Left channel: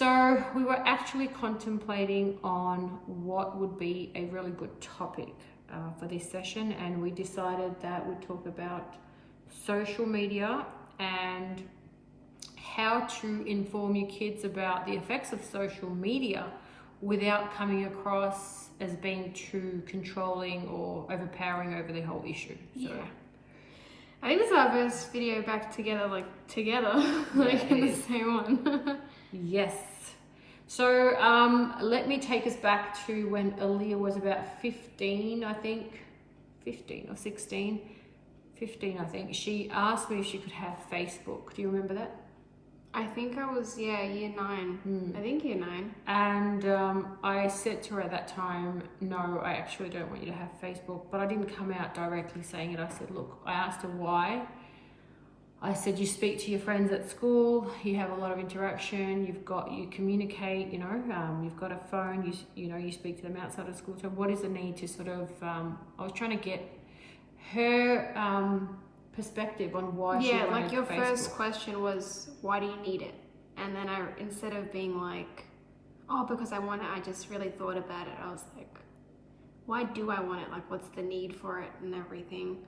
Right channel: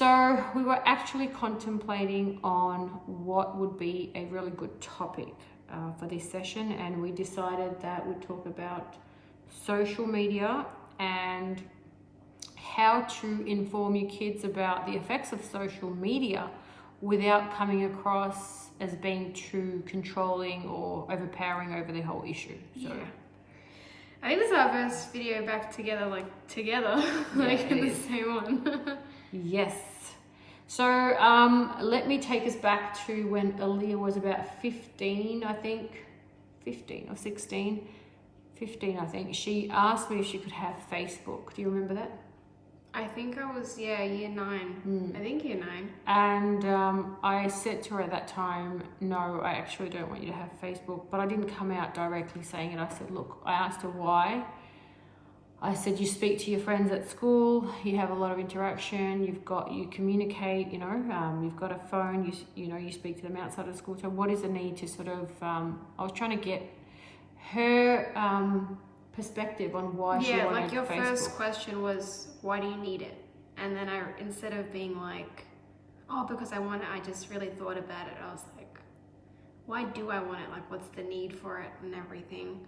So we were actually contemplating on what would be a really good topic for this session, and we decided that we'd talk about social media and how to inform your kids about the effects of social media without coming across as being too controlling or overpowering over the whole issue. So, yeah. I think this is our first video back together, like in the same one. Yes. So let me take us back to when Aaliyah was about 15, I think. 15 or 16. 15, I think. She asked me if she could have Facebook. Do you remember that? I think I was, year 9. I think year 9. And I said to her at that time, no, I actually don't want you to have Facebook. But I didn't come out directly saying it. I said, look, I asked her why. I said, you speak to your friends at school, you have a lot of interaction, you communicate, you've got a phone, you speak to them outside of school. So what is the need to sort of, I was trying to get her perspective on why she wanted like your Facebook. First question was, why do you need it? And then instead of being like, oh, because I want it, I just really thought about it. I was like, why do I want it? Like, what's the need for it and everything?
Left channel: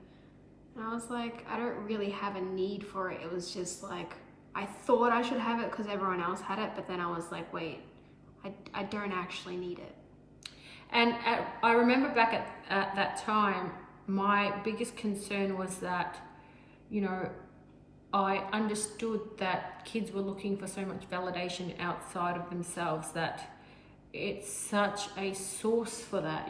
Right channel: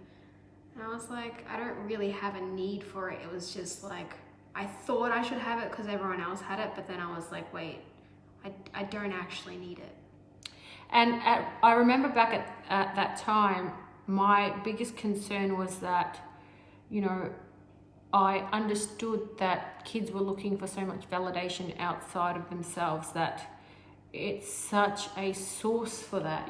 And I was like, I don't really have a need for it. It was just like, I thought I should have it because everyone else had it. But then I was like, wait, I don't actually need it. And I remember back at that time, my biggest concern was that, I understood that kids were looking for so much validation outside of themselves, that it's such a source for that.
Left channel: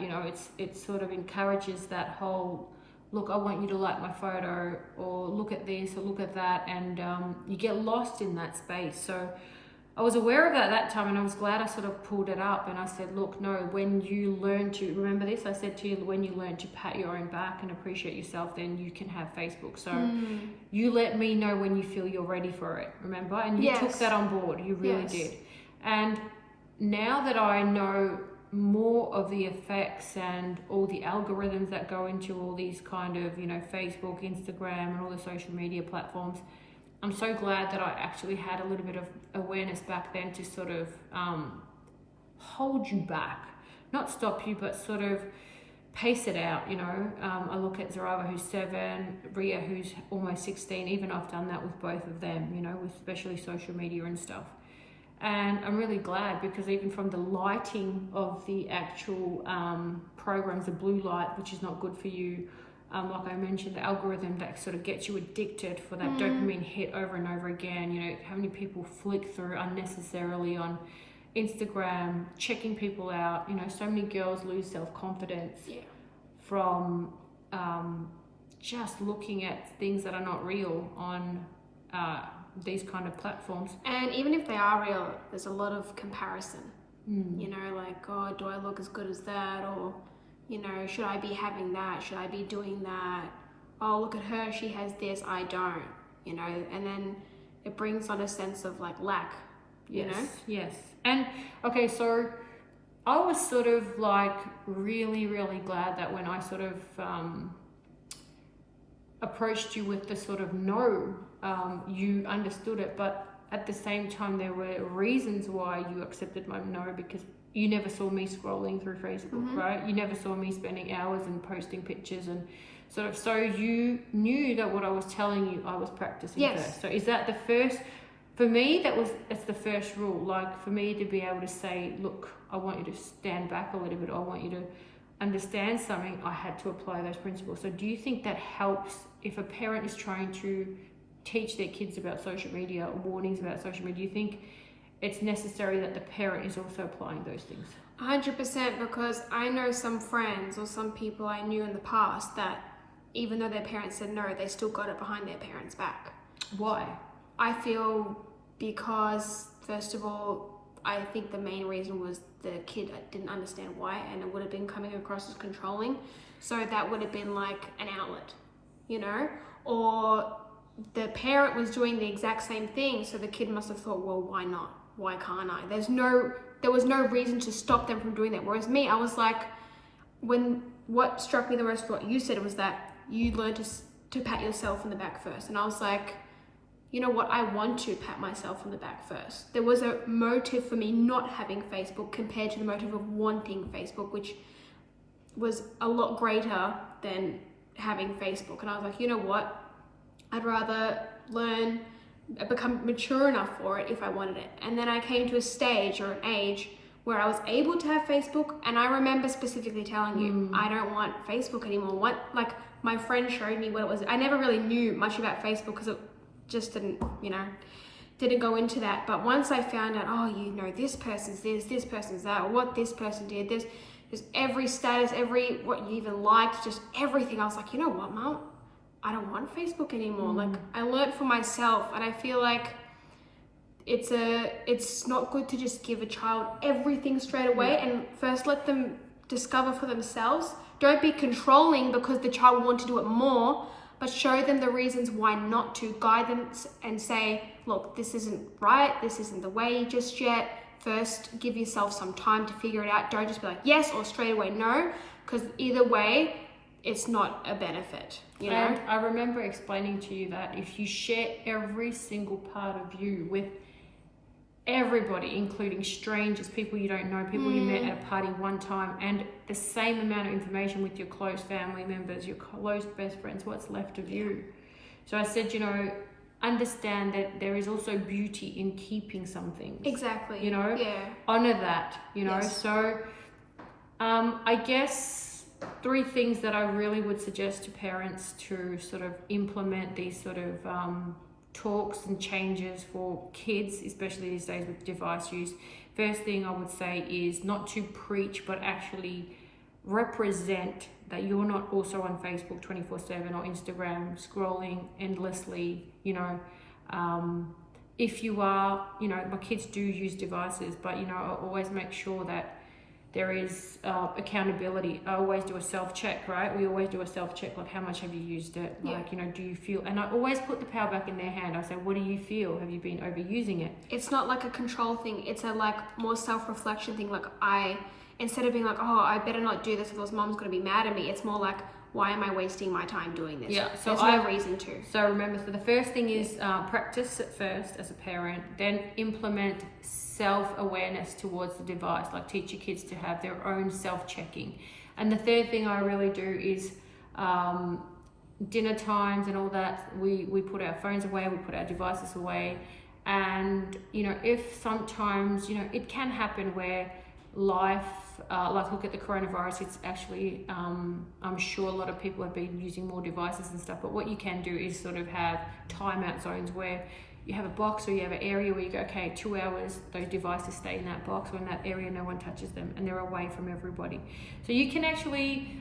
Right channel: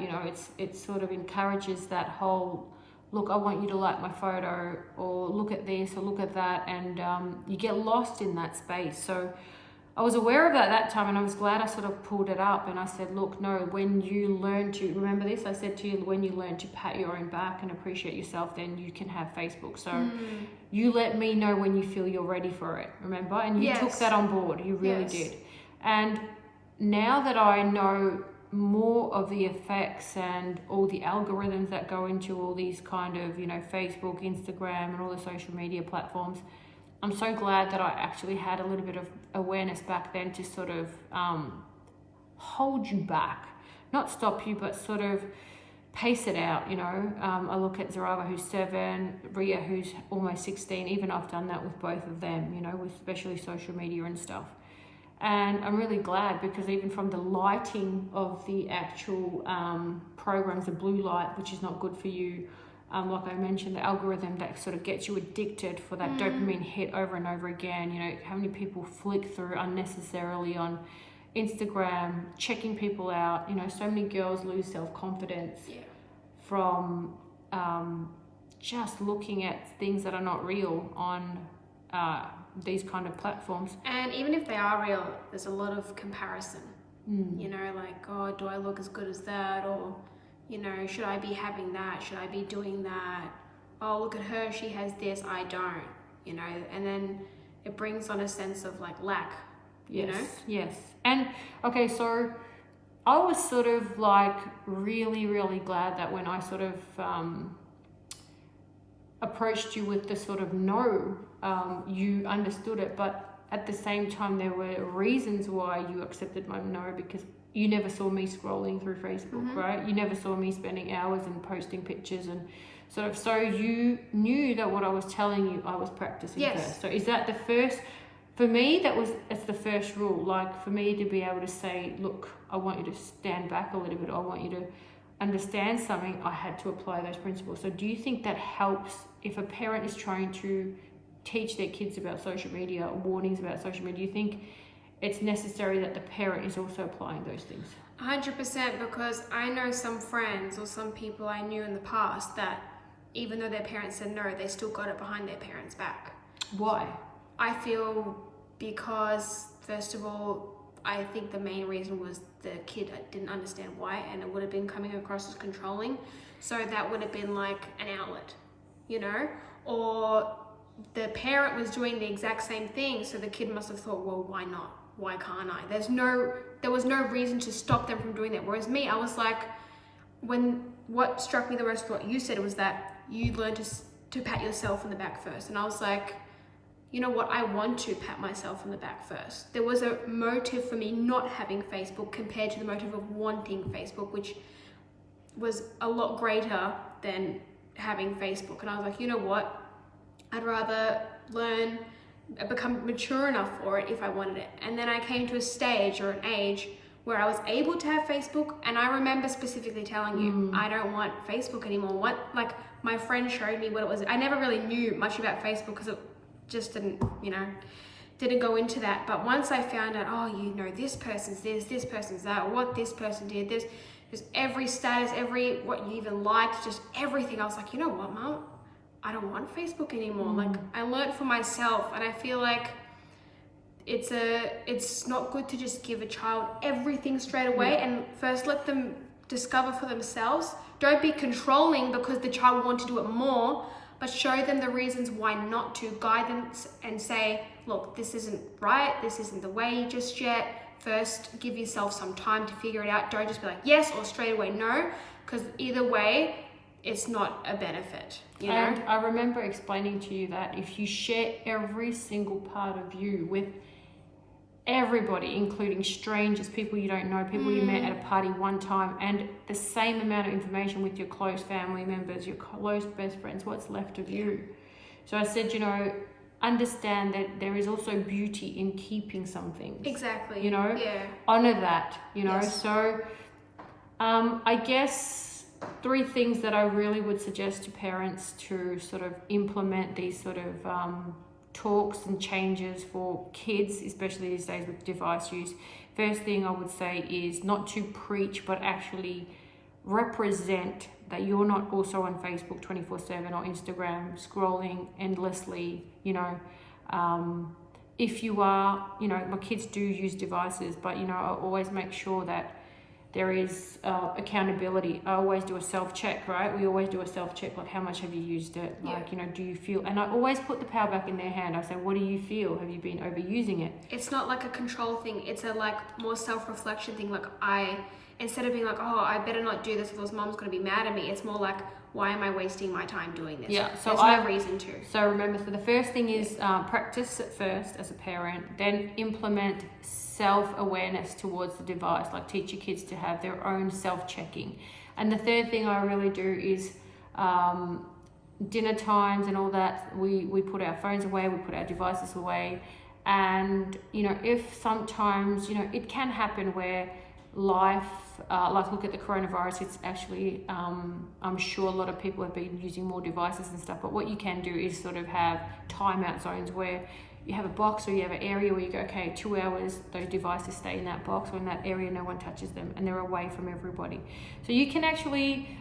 It sort of encourages that whole, look, I want you to like my photo, or look at this, or look at that, and you get lost in that space. So I was aware of that at that time, and I was glad I sort of pulled it up, and I said, look, no, when you learn to, remember this, I said to you, when you learn to pat your own back and appreciate yourself, then you can have Facebook. So you let me know when you feel you're ready for it, remember? And you took that on board, you really did. And now that I know more of the effects and all the algorithms that go into all these kind of, Facebook, Instagram, and all the social media platforms, I'm so glad that I actually had a little bit of awareness back then to sort of hold you back, not stop you, but sort of pace it out. I look at Zarava, who's 7, Ria, who's almost 16. Even I've done that with both of them, with especially social media and stuff. And I'm really glad, because even from the lighting of the actual programs, the blue light, which is not good for you, like I mentioned, the algorithm that sort of gets you addicted for that dopamine hit over and over again. How many people flick through unnecessarily on Instagram, checking people out. So many girls lose self-confidence from just looking at things that are not real on these kind of platforms. And even if they are real, there's a lot of comparison. Like, oh, do I look as good as that? Or, should I be having that? Should I be doing that? Oh, look at her, she has this, I don't. And then it brings on a sense of like lack. Yes. And okay, so I was sort of like really, really glad that when I sort of approached you with the sort of no, you understood it, but at the same time there were reasons why you accepted my no, because you never saw me scrolling through Facebook, right? You never saw me spending hours and posting pictures, and so you knew that what I was telling you I was practicing first. So is that the first? For me, it's the first rule. Like, for me to be able to say, look, I want you to stand back a little bit, I want you to understand something, I had to apply those principles. So do you think that helps if a parent is trying to teach their kids about social media, or warnings about social media? Do you think it's necessary that the parent is also applying those things? 100%, because I know some friends or some people I knew in the past that even though their parents said no, they still got it behind their parents' back. Why? I feel because, first of all, I think the main reason was the kid didn't understand why, and it would have been coming across as controlling. So that would have been like an outlet, or the parent was doing the exact same thing. So the kid must have thought, well, why not? Why can't I? There was no reason to stop them from doing that. Whereas me, I was like, what struck me the most, what you said, was that you learned to pat yourself on the back first. And I was like, you know what, I want to pat myself on the back first. There was a motive for me not having Facebook compared to the motive of wanting Facebook, which was a lot greater than having Facebook. And I was like, you know what, I'd rather learn, become mature enough for it if I wanted it. And then I came to a stage or an age where I was able to have Facebook, and I remember specifically telling you, I don't want Facebook anymore. My friend showed me what it was. I never really knew much about Facebook because it just didn't go into that. But once I found out, oh, you know, this person's this person's that, or what this person did, there's every status, what you even liked, just everything. I was like, you know what, Mom? I don't want Facebook anymore. Like, I learned for myself, and I feel like it's not good to just give a child everything straight away, and first let them discover for themselves. Don't be controlling because the child will want to do it more, but show them the reasons why not to. Guide them and say, look, this isn't right, this isn't the way just yet. First, give yourself some time to figure it out. Don't just be like yes or straight away no, because either way, it's not a benefit, you know? And I remember explaining to you that if you share every single part of you with everybody, including strangers, people you don't know, people you met at a party one time, and the same amount of information with your close family members, your close best friends, what's left of you? So I said, you know, understand that there is also beauty in keeping some things. Exactly. You know? Yeah. Honor that, you know? Yes. So I guess 3 things that I really would suggest to parents to sort of implement these sort of talks and changes for kids, especially these days with device use. First thing I would say is not to preach, but actually represent that you're not also on Facebook 24/7 or Instagram scrolling endlessly, you know. If you are, you know, my kids do use devices, but, you know, I always make sure that there is accountability. I always do a self-check, right? We always do a self-check, like how much have you used it? Like, you know, do you feel, and I always put the power back in their hand. I say, what do you feel? Have you been overusing it? It's not like a control thing. It's a like more self-reflection thing. Like instead of being like, oh, I better not do this or else Mom's going to be mad at me. It's more like, why am I wasting my time doing this? Yeah, so there's no reason to. So remember, so the first thing is practice it first as a parent, then implement self-awareness towards the device, like teach your kids to have their own self-checking. And the third thing I really do is dinner times and all that, we put our phones away, we put our devices away. And, you know, if sometimes, you know, it can happen where life, like look at the coronavirus, it's actually, I'm sure a lot of people have been using more devices and stuff, but what you can do is sort of have timeout zones where you have a box or you have an area where you go, okay, 2 hours, those devices stay in that box or in that area, no one touches them, and they're away from everybody. So you can actually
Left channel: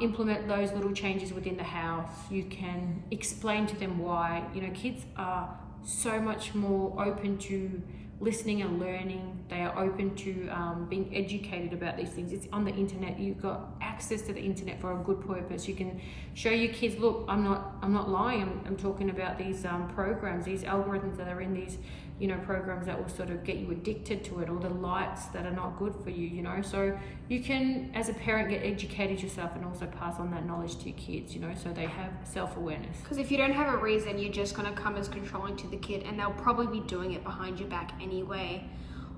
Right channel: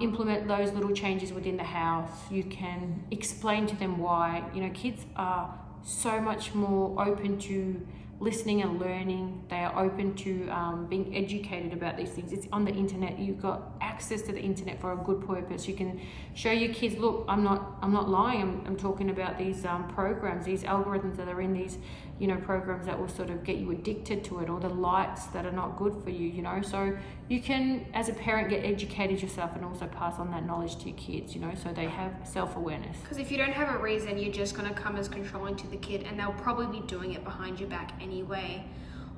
implement those little changes within the house. You can explain to them why. You know, kids are so much more open to listening and learning. They are open to being educated about these things. It's on the internet. You've got access to the internet for a good purpose. You can show your kids, look, I'm not lying. I'm talking about these programs, these algorithms that are in these, you know, programs that will sort of get you addicted to it, or the likes that are not good for you, you know. So you can, as a parent, get educated yourself and also pass on that knowledge to your kids, you know, so they have self-awareness. Because if you don't have a reason, you're just going to come as controlling to the kid, and they'll probably be doing it behind your back anyway.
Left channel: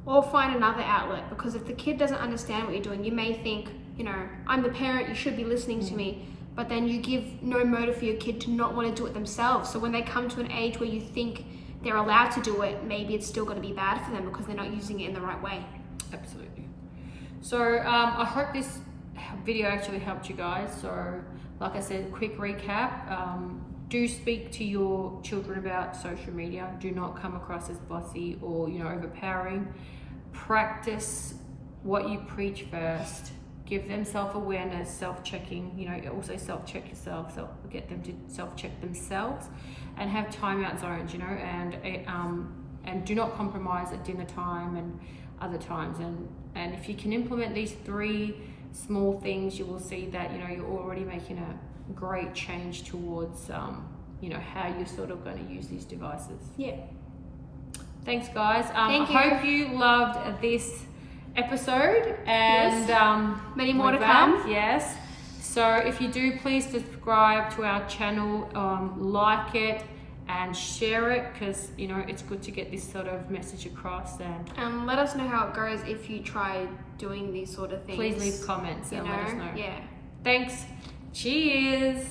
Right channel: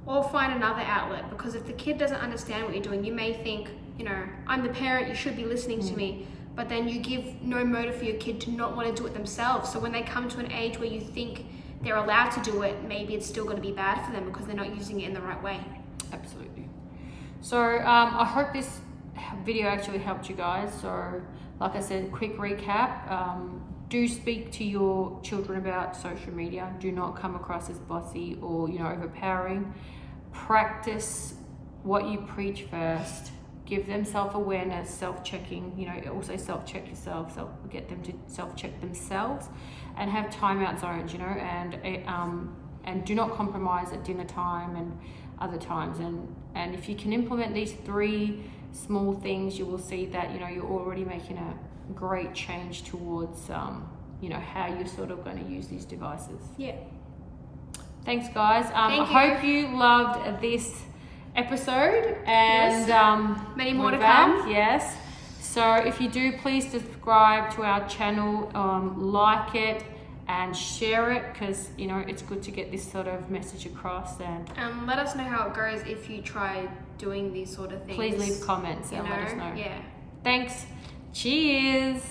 Or find another outlet, because if the kid doesn't understand what you're doing, you may think, you know, I'm the parent, you should be listening to me. But then you give no motive for your kid to not want to do it themselves. So when they come to an age where you think they're allowed to do it, maybe it's still going to be bad for them because they're not using it in the right way. Absolutely. So I hope this video actually helped you guys. So like I said, quick recap. Do speak to your children about social media. Do not come across as bossy or, you know, overpowering. Practice what you preach first. Give them self-awareness, self-checking, you know, also self-check yourself, get them to self-check themselves, and have timeout zones, you know, and do not compromise at dinner time and other times. And if you can implement these 3 small things, you will see that, you know, you're already making a great change towards, you know, how you're sort of going to use these devices. Yeah. Thanks, guys. Thank you. I hope you loved this episode, and many more to come. Yes. So if you do, please subscribe to our channel, like it, and share it, because you know it's good to get this sort of message across. And let us know how it goes if you try doing these sort of things. please leave comments You and know, let us know. yeah. Thanks. Cheers.